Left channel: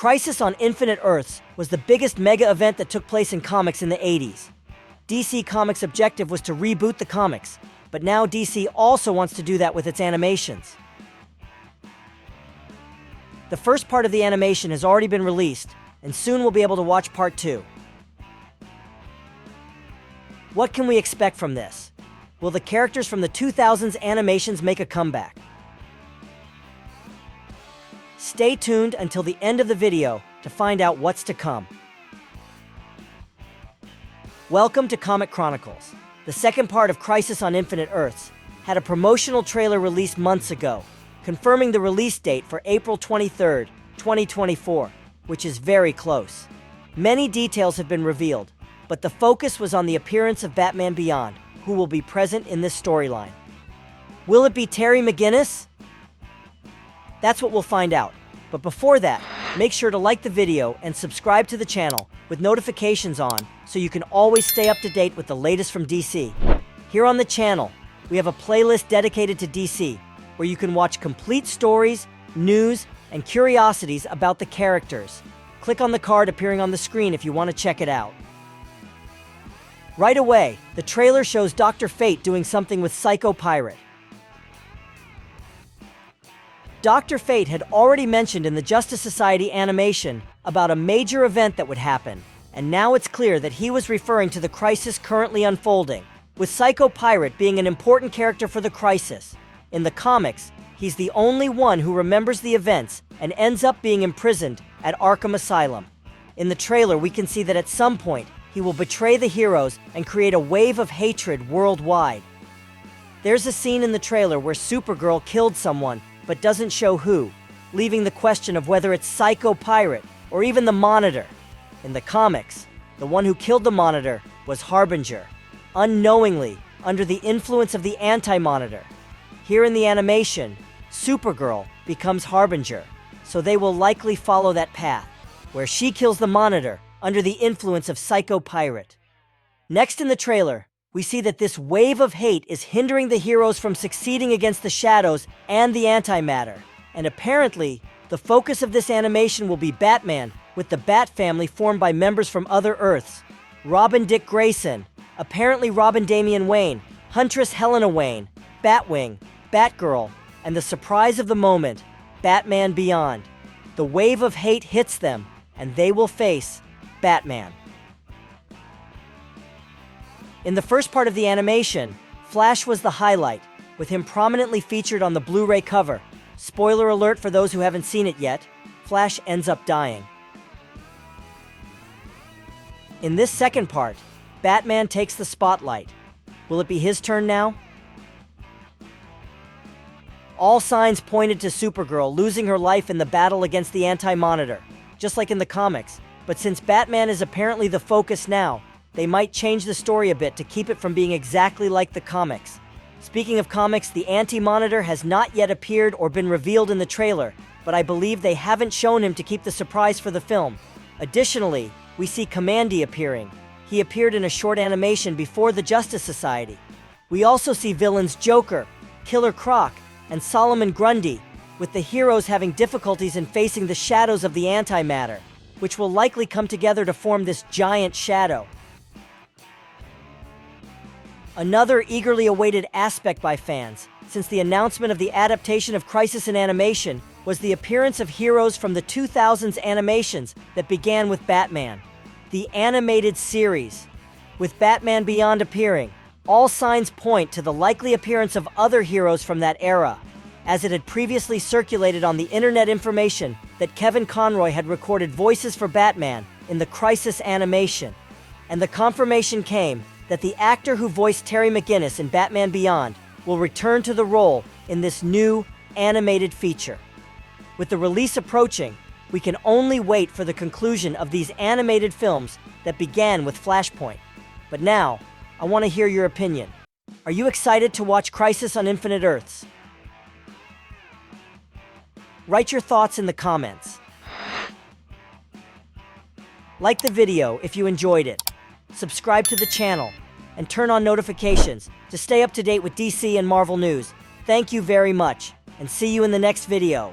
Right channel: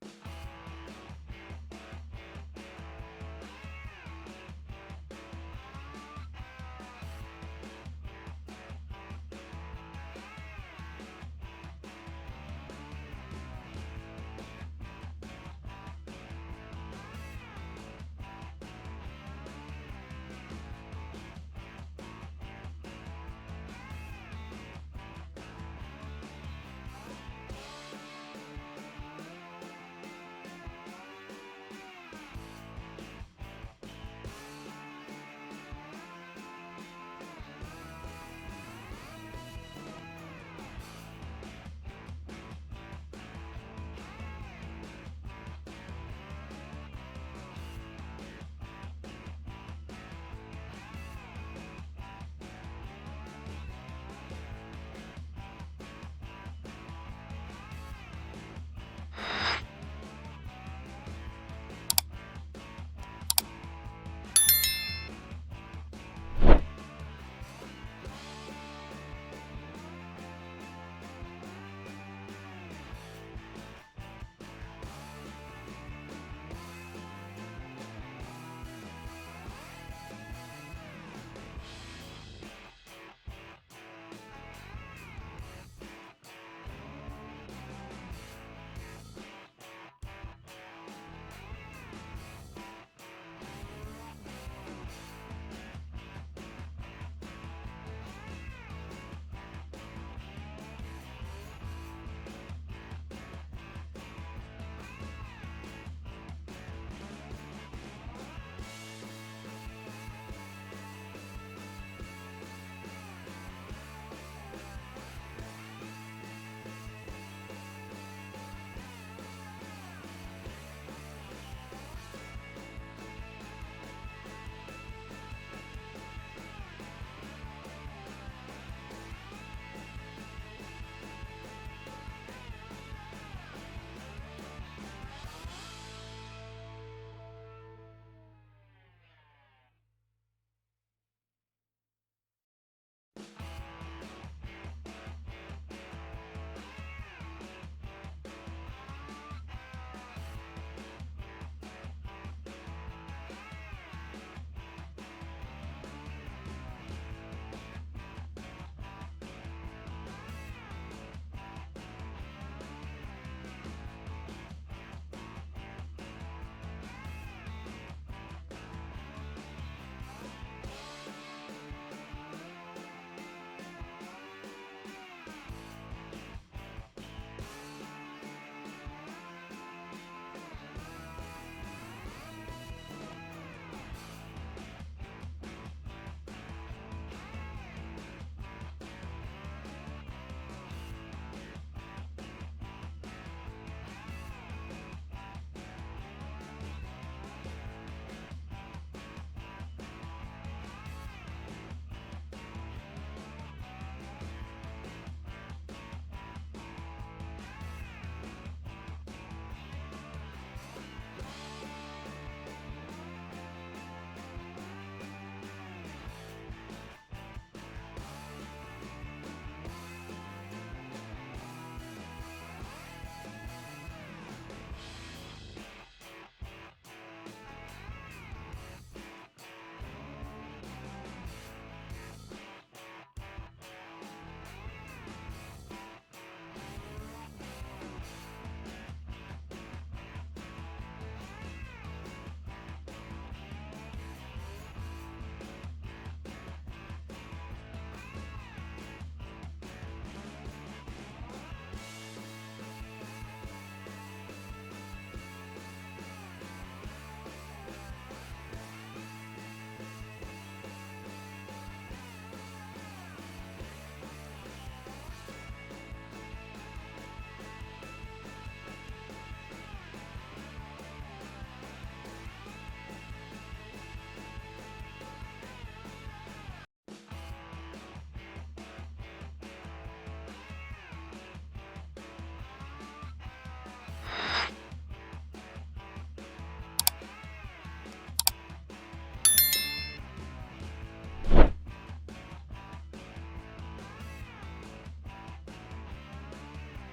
Crisis on Infinite Earths was the biggest mega event that took place in comics in the 80s. DC Comics' objective was to reboot the comics, but now DC also wants to do that with its animations. The first part of the animation has already been released, and soon we'll be able to watch part 2. What can we expect from this? Will the characters from the 2000s animations make a comeback? Stay tuned until the end of the video to find out what's to come. Welcome to Comic Chronicles. The second part of Crisis on Infinite Earths had a promotional trailer released months ago, confirming the release date for April 23, 2024, which is very close. Many details have been revealed, but the focus was on the appearance of Batman Beyond, who will be present in this storyline. Will it be Terry McGinnis? That's what we'll find out. But before that, make sure to like the video and subscribe to the channel with notifications on so you can always stay up to date with the latest from DC. Here on the channel, we have a playlist dedicated to DC, where you can watch complete stories, news, and curiosities about the characters. Click on the card appearing on the screen if you want to check it out. Right away, the trailer shows Dr. Fate doing something with Psycho Pirate. Dr. Fate had already mentioned in the Justice Society animation about a major event that would happen, and now it's clear that he was referring to the crisis currently unfolding, with Psycho Pirate being an important character for the crisis. In the comics, he's the only one who remembers the events and ends up being imprisoned at Arkham Asylum. In the trailer, we can see that at some point, he will betray the heroes and create a wave of hatred worldwide. There's a scene in the trailer where Supergirl killed someone, but doesn't show who, leaving the question of whether it's Psycho Pirate or even the Monitor. In the comics, the one who killed the Monitor was Harbinger, unknowingly under the influence of the Anti-Monitor. Here in the animation, Supergirl becomes Harbinger, so they will likely follow that path, where she kills the Monitor under the influence of Psycho Pirate. Next in the trailer, we see that this wave of hate is hindering the heroes from succeeding against the Shadows and the Antimatter. And apparently, the focus of this animation will be Batman, with the Bat family formed by members from other Earths. Robin Dick Grayson, apparently Robin Damian Wayne, Huntress Helena Wayne, Batwing, Batgirl, and the surprise of the moment, Batman Beyond. The wave of hate hits them, and they will face Batman. In the first part of the animation, Flash was the highlight, with him prominently featured on the Blu-ray cover. Spoiler alert for those who haven't seen it yet, Flash ends up dying. In this second part, Batman takes the spotlight. Will it be his turn now? All signs pointed to Supergirl losing her life in the battle against the Anti-Monitor, just like in the comics. But since Batman is apparently the focus now, they might change the story a bit to keep it from being exactly like the comics. Speaking of comics, the Anti-Monitor has not yet appeared or been revealed in the trailer, but I believe they haven't shown him to keep the surprise for the film. Additionally, we see Kamandi appearing. He appeared in a short animation before the Justice Society. We also see villains Joker, Killer Croc, and Solomon Grundy, with the heroes having difficulties in facing the shadows of the Antimatter, which will likely come together to form this giant shadow. Another eagerly awaited aspect by fans, since the announcement of the adaptation of Crisis in Animation, was the appearance of heroes from the 2000s animations that began with Batman. The animated series. With Batman Beyond appearing, all signs point to the likely appearance of other heroes from that era, as it had previously circulated on the internet information that Kevin Conroy had recorded voices for Batman in the Crisis animation. And the confirmation came that the actor who voiced Terry McGinnis in Batman Beyond will return to the role in this new animated feature. With the release approaching, we can only wait for the conclusion of these animated films that began with Flashpoint. But now, I want to hear your opinion. Are you excited to watch Crisis on Infinite Earths? Write your thoughts in the comments. Like the video if you enjoyed it. Subscribe to the channel, and turn on notifications to stay up to date with DC and Marvel news. Thank you very much, and see you in the next video.